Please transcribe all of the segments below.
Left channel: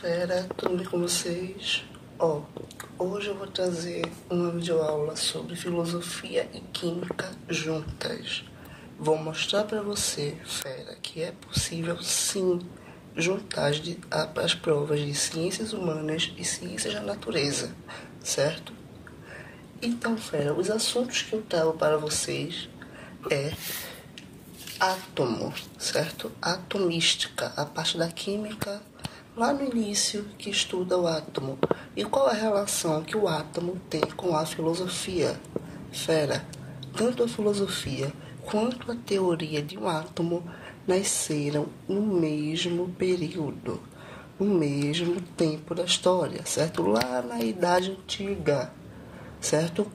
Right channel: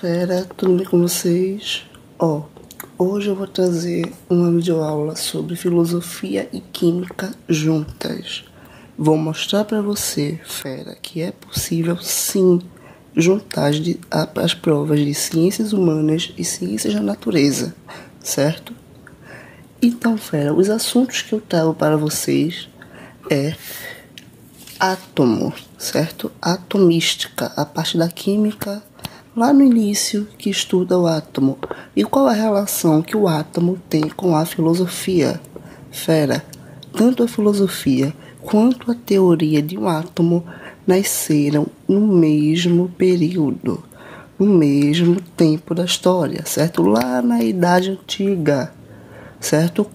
Fera, tudo bem com vocês? Hoje eu vou trazer uma videoaula sobre filosofia e química juntas. Vou mostrar para você, fera, que é possível sim juntar as provas de ciências humanas e ciências da natureza, certo? Então, fera, os assuntos que eu trago para vocês é átomo, certo? Atomística, a parte da química lá no início que estuda o átomo. E qual a relação que o átomo tem com a filosofia? Fera, tanto a filosofia quanto a teoria de um átomo nasceram no mesmo período, no mesmo tempo da história, certo? Lá na Idade Antiga, certo?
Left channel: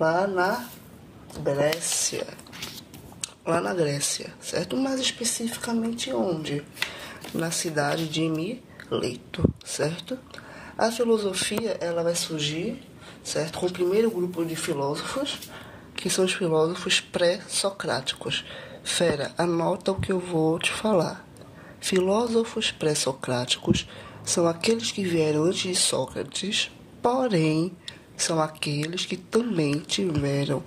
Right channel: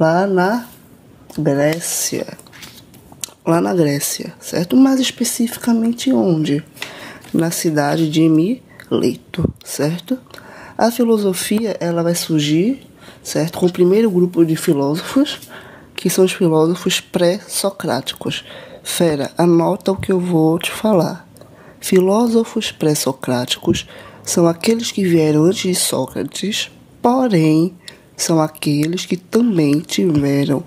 Lá na Grécia. Lá na Grécia, certo? Mais especificamente onde? Na cidade de Mileto, certo? A filosofia, ela vai surgir, certo? Com o primeiro grupo de filósofos, que são os filósofos pré-socráticos. Fera, anota o que eu vou te falar. Filósofos pré-socráticos são aqueles que vieram antes de Sócrates, porém, são aqueles que também tiveram,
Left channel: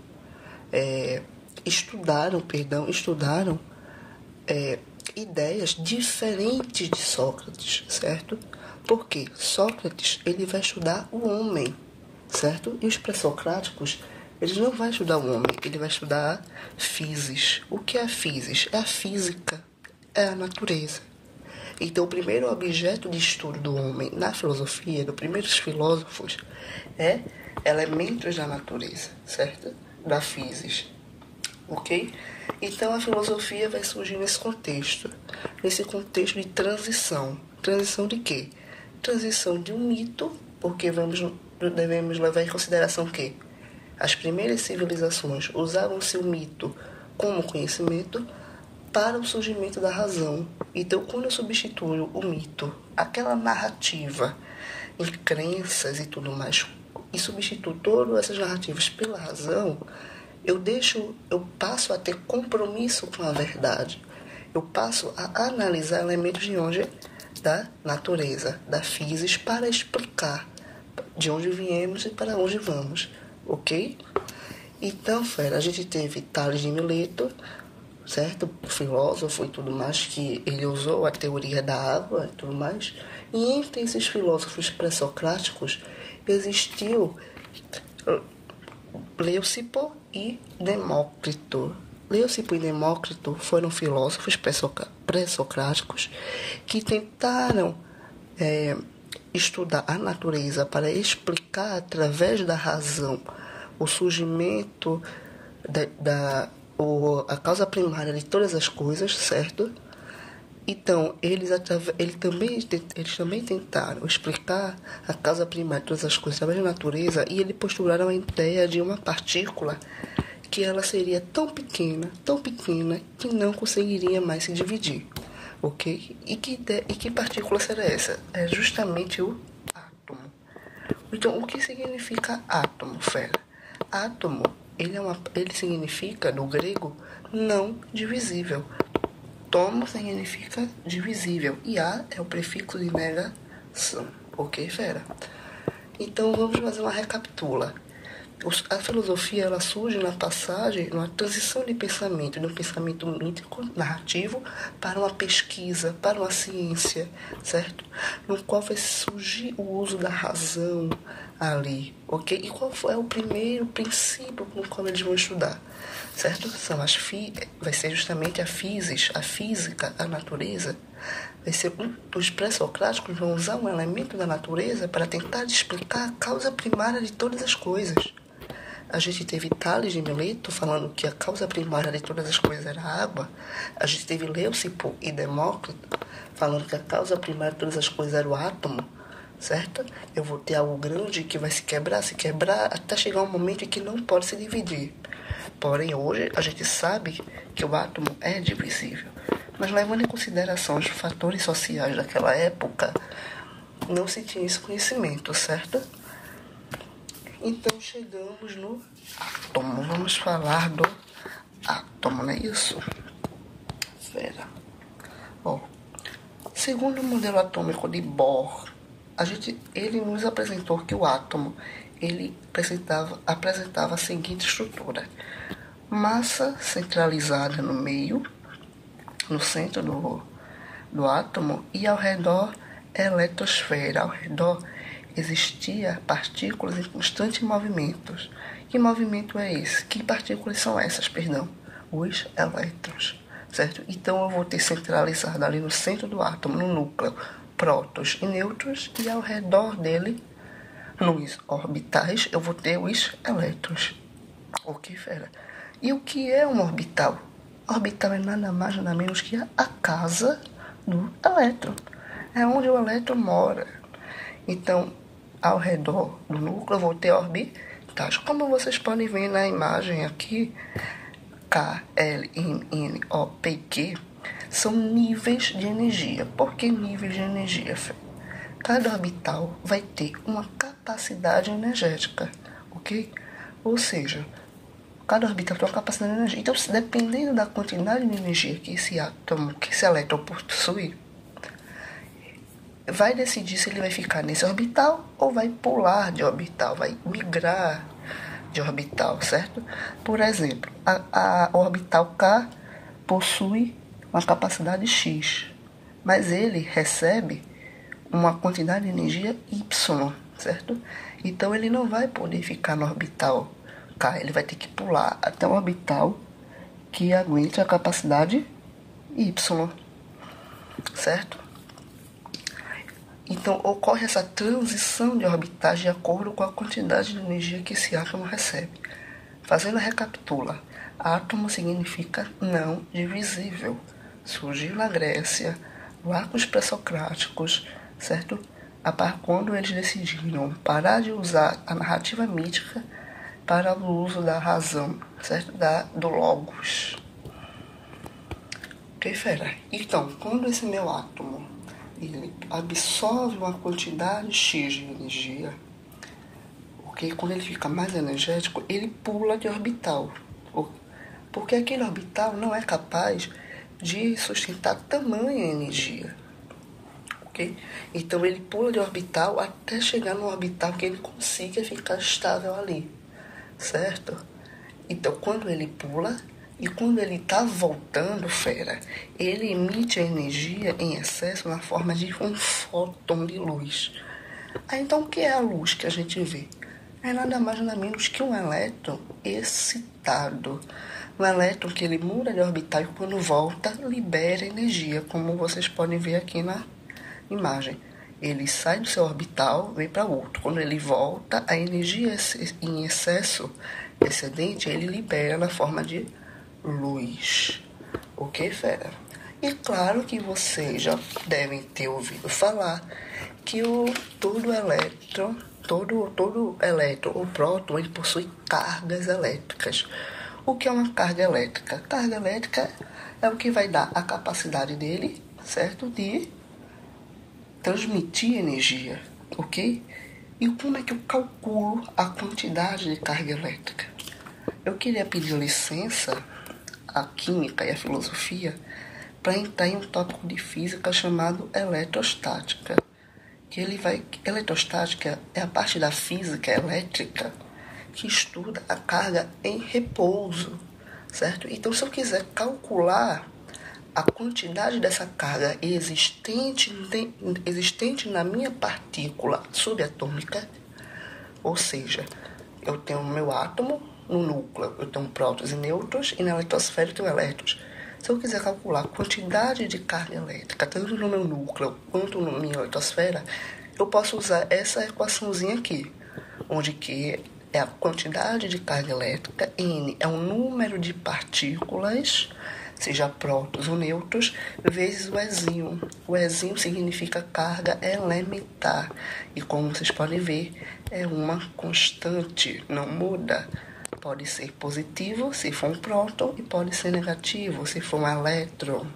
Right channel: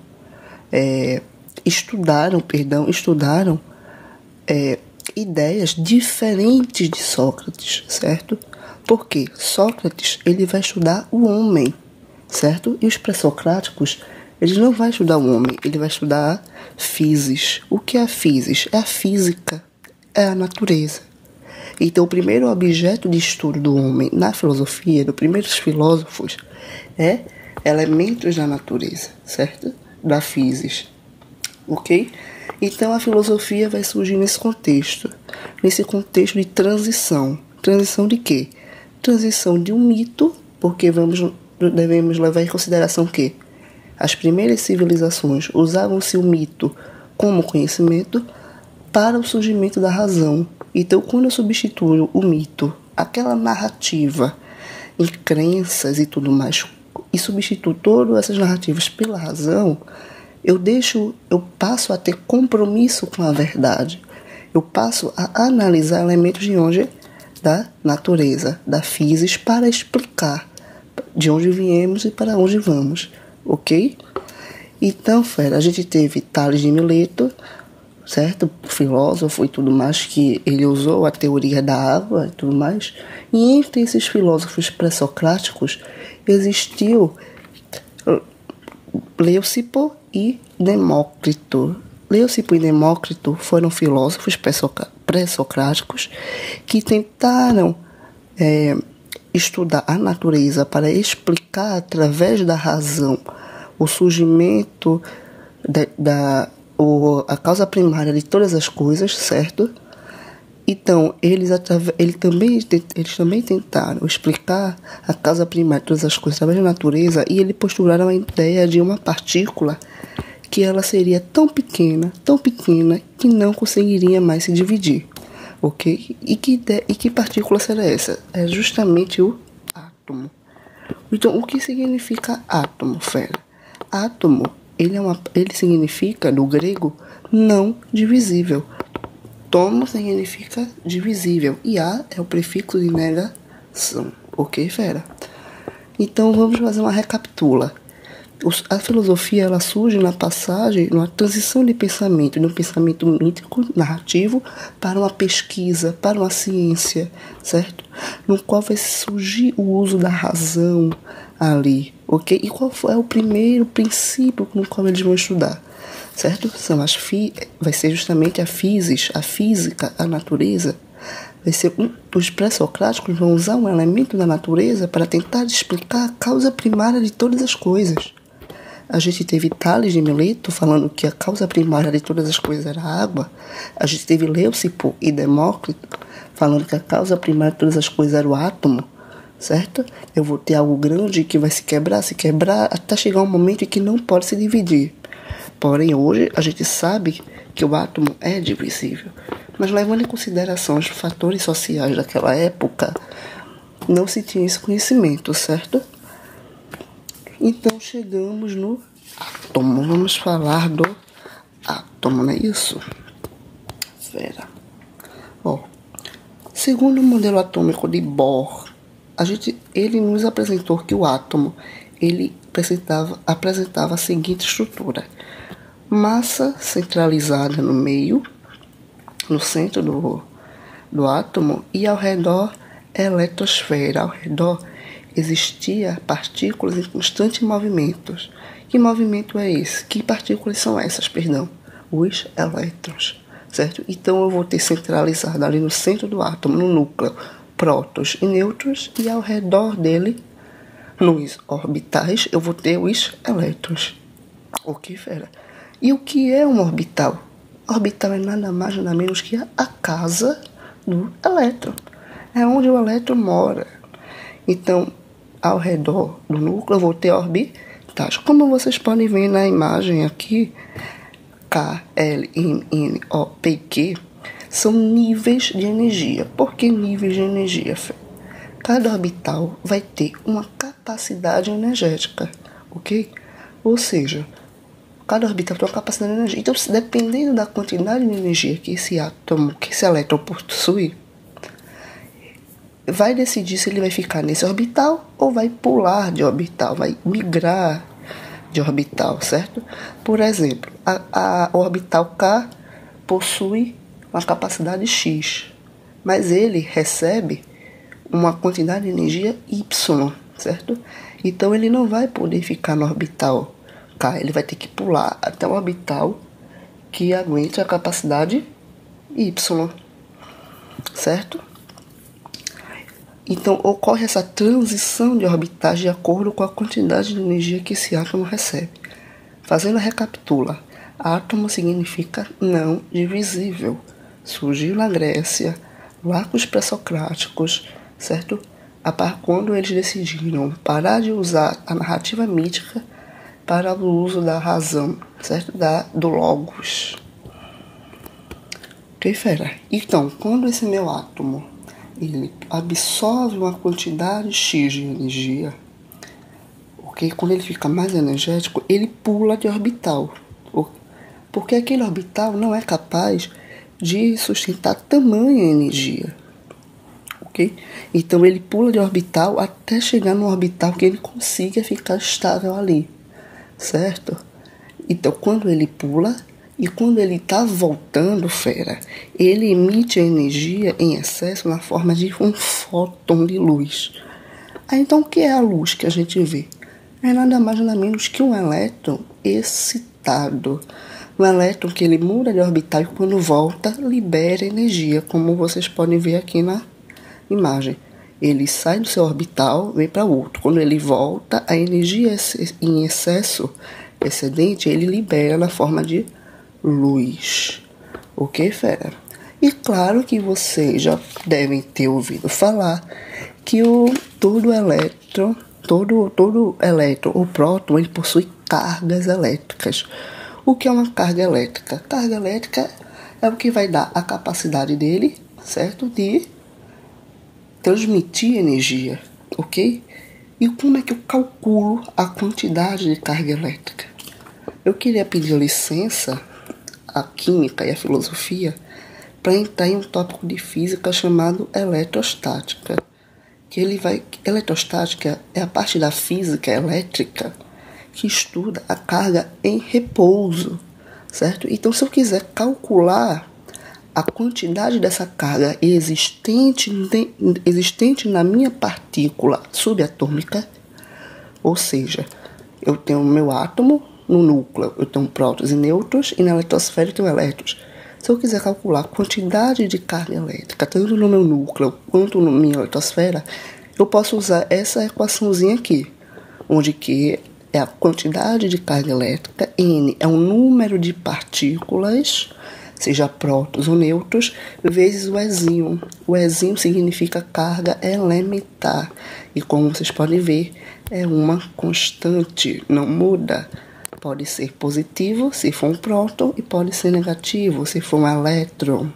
estudaram ideias diferentes de Sócrates, certo? Porque Sócrates, ele vai estudar o homem, certo? E os pré-socráticos, eles não vão estudar o homem, ele vai estudar a physis. O que é a physis? É a física, é a natureza. Então, o primeiro objeto de estudo do homem na filosofia, dos primeiros filósofos, é elementos da natureza, certo? Da physis, ok? Então, a filosofia vai surgir nesse contexto de transição. Transição de quê? Transição de um mito, porque devemos levar em consideração que as primeiras civilizações usavam-se o mito como conhecimento para o surgimento da razão. Então, quando eu substituo o mito, aquela narrativa em crenças e tudo mais, e substituo todas essas narrativas pela razão, eu passo a ter compromisso com a verdade. Eu passo a analisar elementos de onde? Da natureza, da physis, para explicar de onde viemos e para onde vamos, ok? Então, fera, a gente teve Tales de Mileto, certo? Filósofo e tudo mais, que ele usou a teoria da água e tudo mais. E entre esses filósofos pré-socráticos existiu Leucipo e Demócrito. Leucipo e Demócrito foram filósofos pré-socráticos que tentaram estudar a natureza para explicar através da razão o surgimento a causa primária de todas as coisas, certo? Então, eles também tentaram explicar a causa primária de todas as coisas através da natureza, e eles postularam a ideia de uma partícula que ela seria tão pequena, que não conseguiria mais se dividir, ok? E que partícula será essa? É justamente o átomo. Então, o que significa átomo, fera? Átomo, ele significa, no grego, não divisível. Tomo significa divisível e A é o prefixo de negação, ok, fera? Então vamos fazer uma recapitula. A filosofia, ela surge na transição de pensamento, de um pensamento mítico, narrativo, para uma pesquisa, para uma ciência, certo? No qual vai surgir o uso da razão ali, ok? E qual é o primeiro princípio no qual eles vão estudar? Certo? Vai ser justamente a physis, a física, a natureza. Os pré-socráticos vão usar um elemento da natureza para tentar explicar a causa primária de todas as coisas. A gente teve Tales de Mileto falando que a causa primária de todas as coisas era a água. A gente teve Leucipo e Demócrito falando que a causa primária de todas as coisas era o átomo, certo? Eu vou ter algo grande que vai se quebrar, até chegar um momento em que não pode se dividir. Porém, hoje a gente sabe que o átomo é divisível. Mas levando em consideração os fatores sociais daquela época, não se tinha esse conhecimento, certo? Então chegamos no átomo. Vamos falar do átomo, não é isso? Fera. Segundo o modelo atômico de Bohr, ele nos apresentou que o átomo ele apresentava a seguinte estrutura: massa centralizada no meio, no centro do átomo, e ao redor eletrosfera. Ao redor existia partículas em constante movimento. Que movimento é esse? Que partículas são essas, perdão? Os elétrons, certo? Então eu vou ter centralizado ali no centro do átomo, no núcleo, prótons e nêutrons, e ao redor dele, nos orbitais, eu vou ter os elétrons. Ok, fera? E o que é um orbital? Orbital é nada mais nada menos que a casa do elétron. É onde o elétron mora. Então, ao redor do núcleo, eu vou ter orbitais. Como vocês podem ver na imagem aqui, K, L, N, O, P e Q são níveis de energia. Por que níveis de energia, fera? Cada orbital vai ter uma capacidade energética, ok? Ou seja, cada orbital tem uma capacidade de energia. Então, dependendo da quantidade de energia que esse elétron possui, vai decidir se ele vai ficar nesse orbital ou vai pular de orbital, vai migrar de orbital, certo? Por exemplo, a orbital K possui uma capacidade X, mas ele recebe uma quantidade de energia Y, certo? Então ele não vai poder ficar no orbital K, ele vai ter que pular até o orbital que aguente a capacidade Y, certo? Então ocorre essa transição de orbitais de acordo com a quantidade de energia que esse átomo recebe. Fazendo a recapitula, átomo significa não divisível. Surgiu na Grécia, lá com os pré-socráticos, certo? Quando eles decidiram parar de usar a narrativa mítica para o uso da razão, certo? Do logos. Ok, fera? Então, quando esse meu átomo ele absorve uma quantidade X de energia, ok? Quando ele fica mais energético, ele pula de orbital. Porque aquele orbital não é capaz de sustentar tamanha energia. Okay? Então ele pula de orbital até chegar no orbital que ele consiga ficar estável ali, certo? Então quando ele pula e quando ele está voltando, fera, ele emite a energia em excesso na forma de um fóton de luz. Então o que é a luz que a gente vê? É nada mais nada menos que um elétron excitado. Um elétron que ele muda de orbital e quando volta libera energia, como vocês podem ver aqui na imagem. Ele sai do seu orbital, vem para outro. Quando ele volta, a energia em excesso, excedente, ele libera na forma de luz. Ok, fera? E claro que vocês já devem ter ouvido falar que todo elétron, o próton, ele possui cargas elétricas. O que é uma carga elétrica? Carga elétrica é o que vai dar a capacidade dele, certo? De transmitir energia, ok? E como é que eu calculo a quantidade de carga elétrica? Eu queria pedir licença à química e à filosofia para entrar em um tópico de física chamado eletrostática. Eletrostática é a parte da física elétrica que estuda a carga em repouso, certo? Então, se eu quiser calcular a quantidade dessa carga existente na minha partícula subatômica, ou seja, eu tenho o meu átomo no núcleo, eu tenho prótons e nêutrons, e na eletrosfera eu tenho elétrons. Se eu quiser calcular a quantidade de carga elétrica, tanto no meu núcleo quanto na minha eletrosfera, eu posso usar essa equaçãozinha aqui, onde que é a quantidade de carga elétrica, N é o número de partículas, seja prótons ou nêutrons, vezes o Ezinho. O Ezinho significa carga elementar. E como vocês podem ver, é uma constante, não muda. Pode ser positivo se for um próton e pode ser negativo se for um elétron.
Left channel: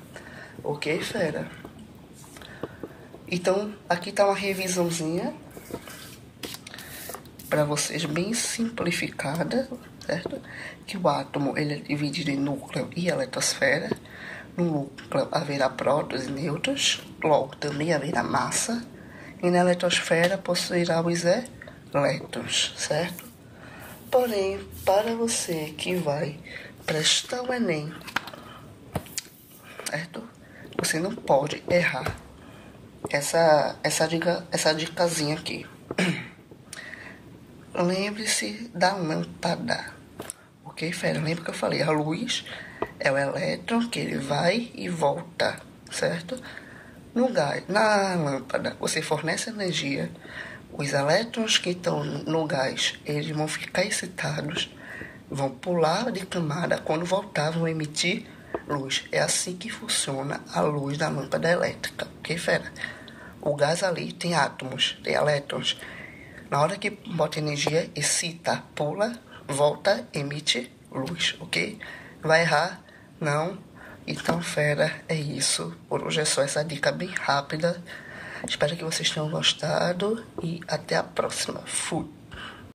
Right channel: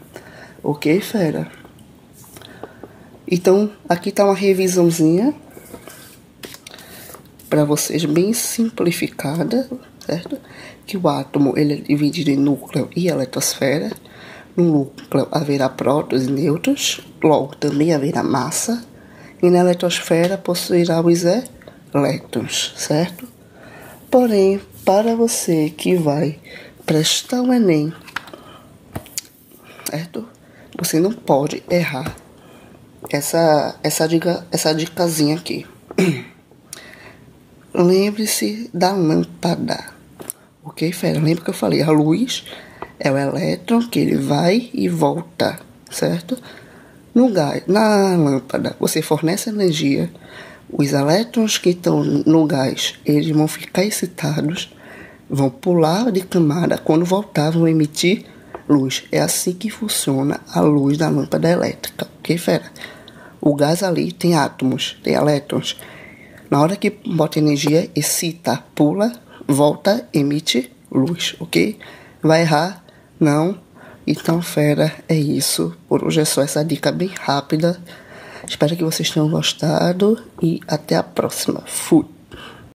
Ok, fera? Então, aqui está uma revisãozinha para vocês, bem simplificada, certo? Que o átomo ele é dividido em núcleo e eletrosfera. No núcleo haverá prótons e nêutrons, logo também haverá massa, e na eletrosfera possuirá os elétrons, certo? Porém, para você que vai prestar o Enem, certo? Você não pode errar essa dicasinha aqui. Lembre-se da lâmpada, ok, fera? Lembra que eu falei, a luz é o elétron que ele vai e volta, certo? Na lâmpada, você fornece energia, os elétrons que estão no gás, eles vão ficar excitados, vão pular de camada, quando voltar vão emitir luz. É assim que funciona a luz da lâmpada elétrica, ok, fera? O gás ali tem átomos, tem elétrons. Na hora que bota energia, excita, pula, volta, emite luz, ok? Vai errar? Não. Então, fera, é isso. Por hoje é só essa dica bem rápida. Espero que vocês tenham gostado e até a próxima. Fui!